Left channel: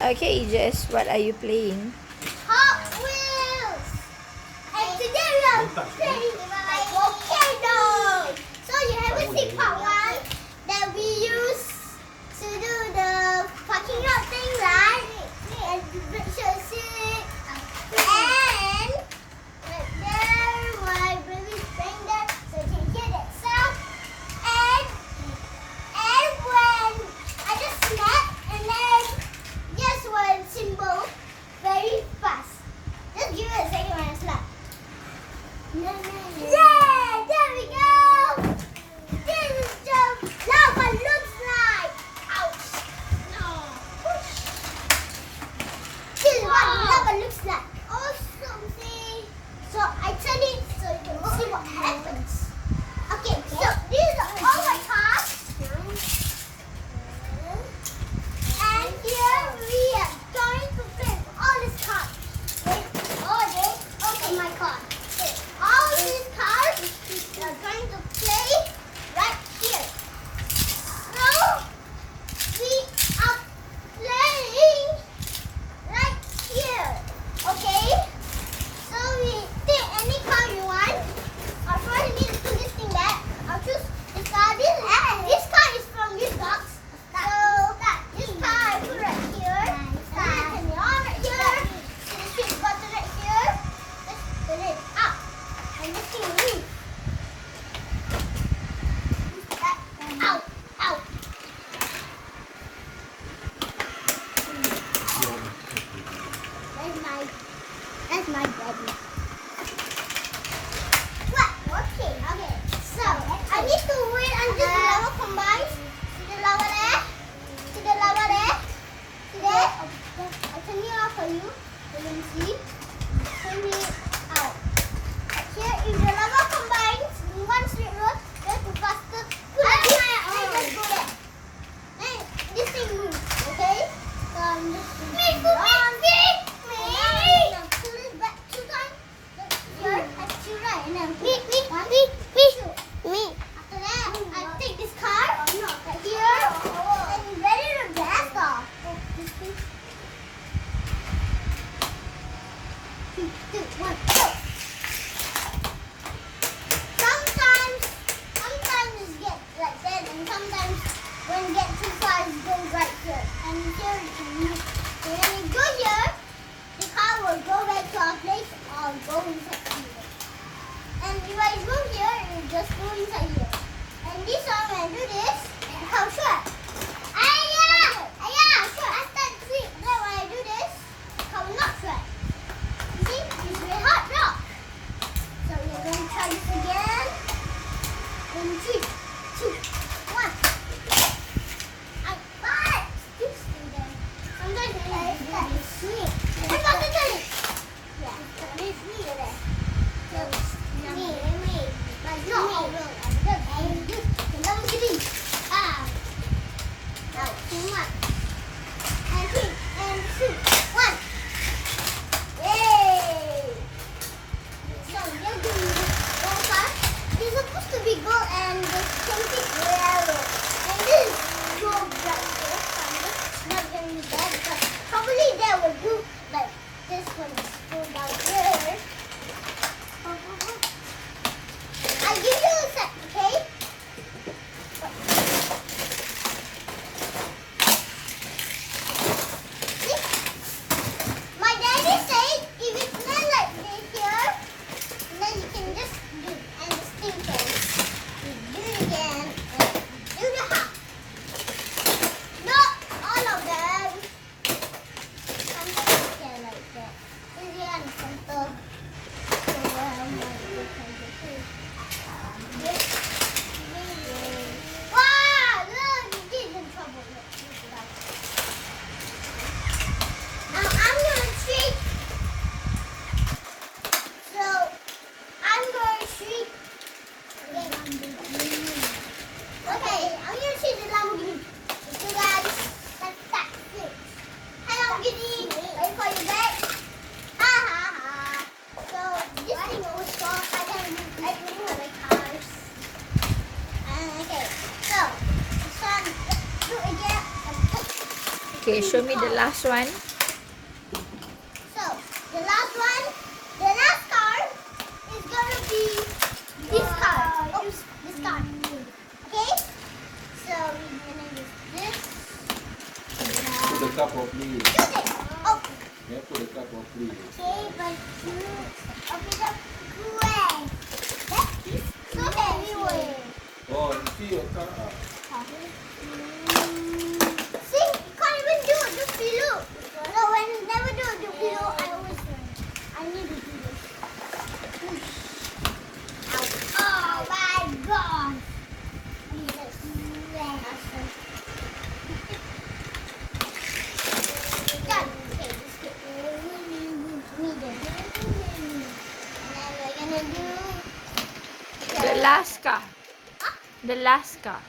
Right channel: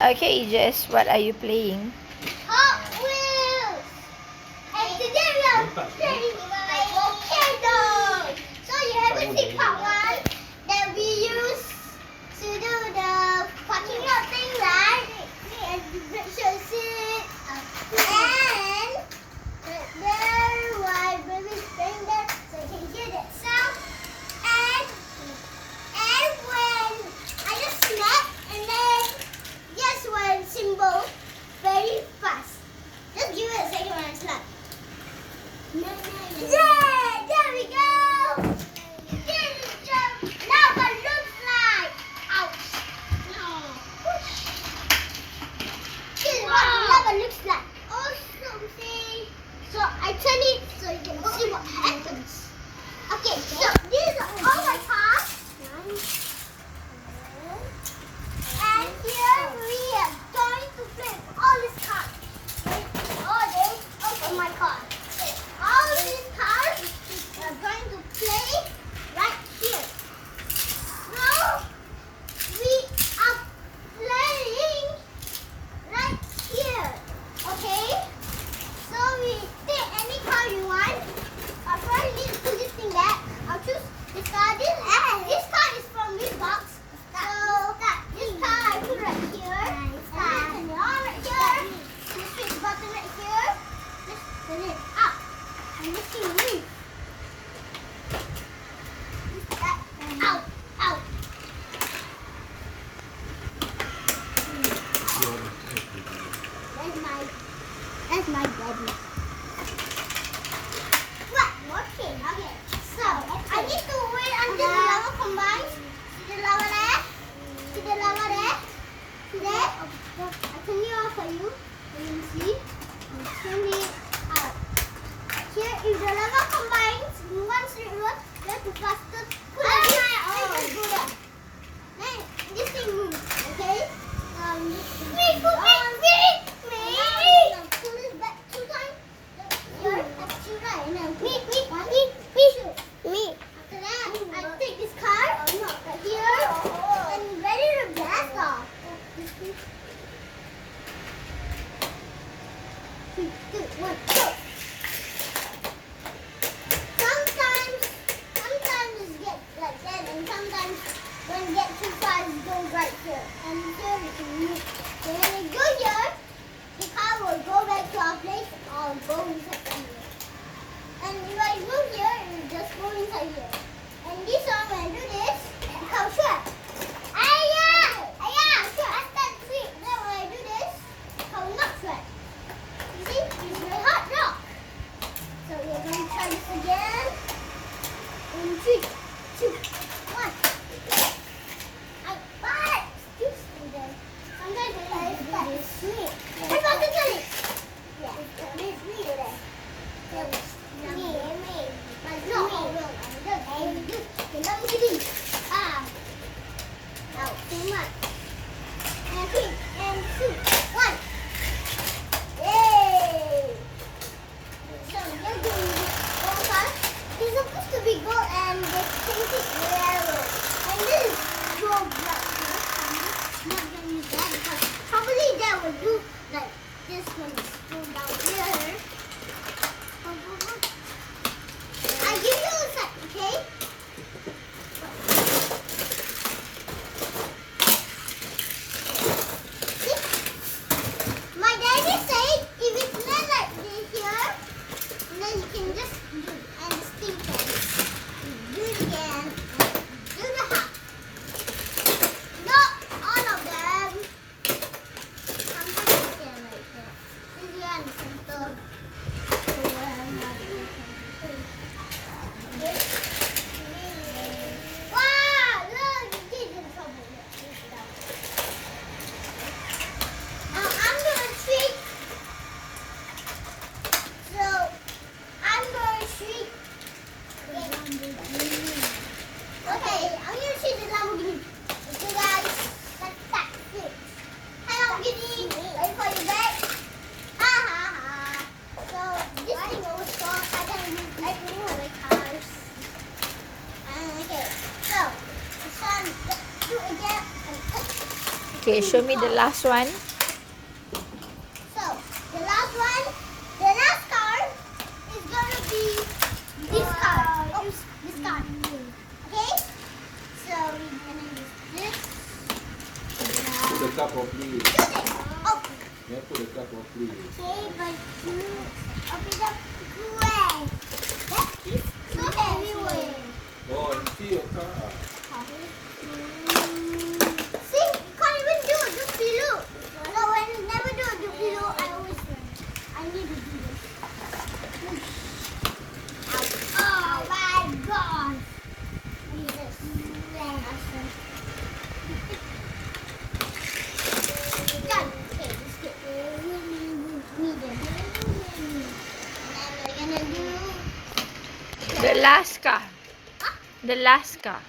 Okay, Jess, what are you playing? Hot Wheels! And today we are playing my volcano! So you haven't seen part one that we use to do the parking lot thing, right? And you should see. And right there, my baby's playing there, so you can hear that sound. And when I just snapped, and then guess what symbol? Very fast. Just give it a second when I slap. Yeah, there we go. This is just lava looks like. Ouch. No. This is what lava looks like. Awesome, see? So I turn it so you can see what happens. Okay, so these are all my cars. And here we are going to play with all these cars. Open my car. All these cars are going to play right here. So we are playing right here. Okay? So we take any car you want. I'll probably need to put this thing back. I'll choose this car. This car is from this box. So this car I put right here. Turn it on right here. This big button right here. Just pull it up. And this thing leaves. Out. Out. That's my baby. What? Working. Okay. So I need to wait until the lava combines. See the lava there? See the lava there? See there? I turn it off for you. You can see. Turn it out. Here, if the lava combines in one straight road, we have to faster. Put it there. Just go there. Then this thing moves. Okay? So I'm just me. Pull it back 2 times. Here, that's 2 right. And then me. After that, I take this car right here and ready to blast off. This thing. 3, 2, 1, go. Sometimes it gets like that, and sometimes when it gets too far, it goes right here. And here you can move. So when you go here, the car will go back to our place or go inside here. And if I go here, it will just go inside here. And this one, when I do this, the car will shut. Sure. I start to see. Then when I do this, the car will not shut. You see, it's very hard rock. So we're going to try this again. In 3, 2, 1. I bought this thing there. Sometimes when I start to see it. I'm about to turn it. Yeah, turn it there. Now, too much. And 3, and 2, 1. Yay! So you're doing gold car. It's supposed to be gold and this pink is yellow. And this is gold right here. I'm just not gonna use that because probably that will do like this one is gold down here. I'll give you a sec, okay? See? My daddy said if it's not like this here, then you can just do and the thing can do it again and do the half. Not all of them. Sometimes you can like that. This is the center. So where am I? Okay, show me the last one. So, the last one, the last card is gonna be this card. Oh, this card. Okay? So, we're gonna use this. Put the cup properly. Use it. Oh, You have to put the cup properly. okay, but you open the way. That's so everywhere. Oh, you see your cup. See, can't even do the pillow. No, I never do the pillow. I need to do this. Oh my God! Done. Okay, let's get really and then we're gonna do. The last card. The last card.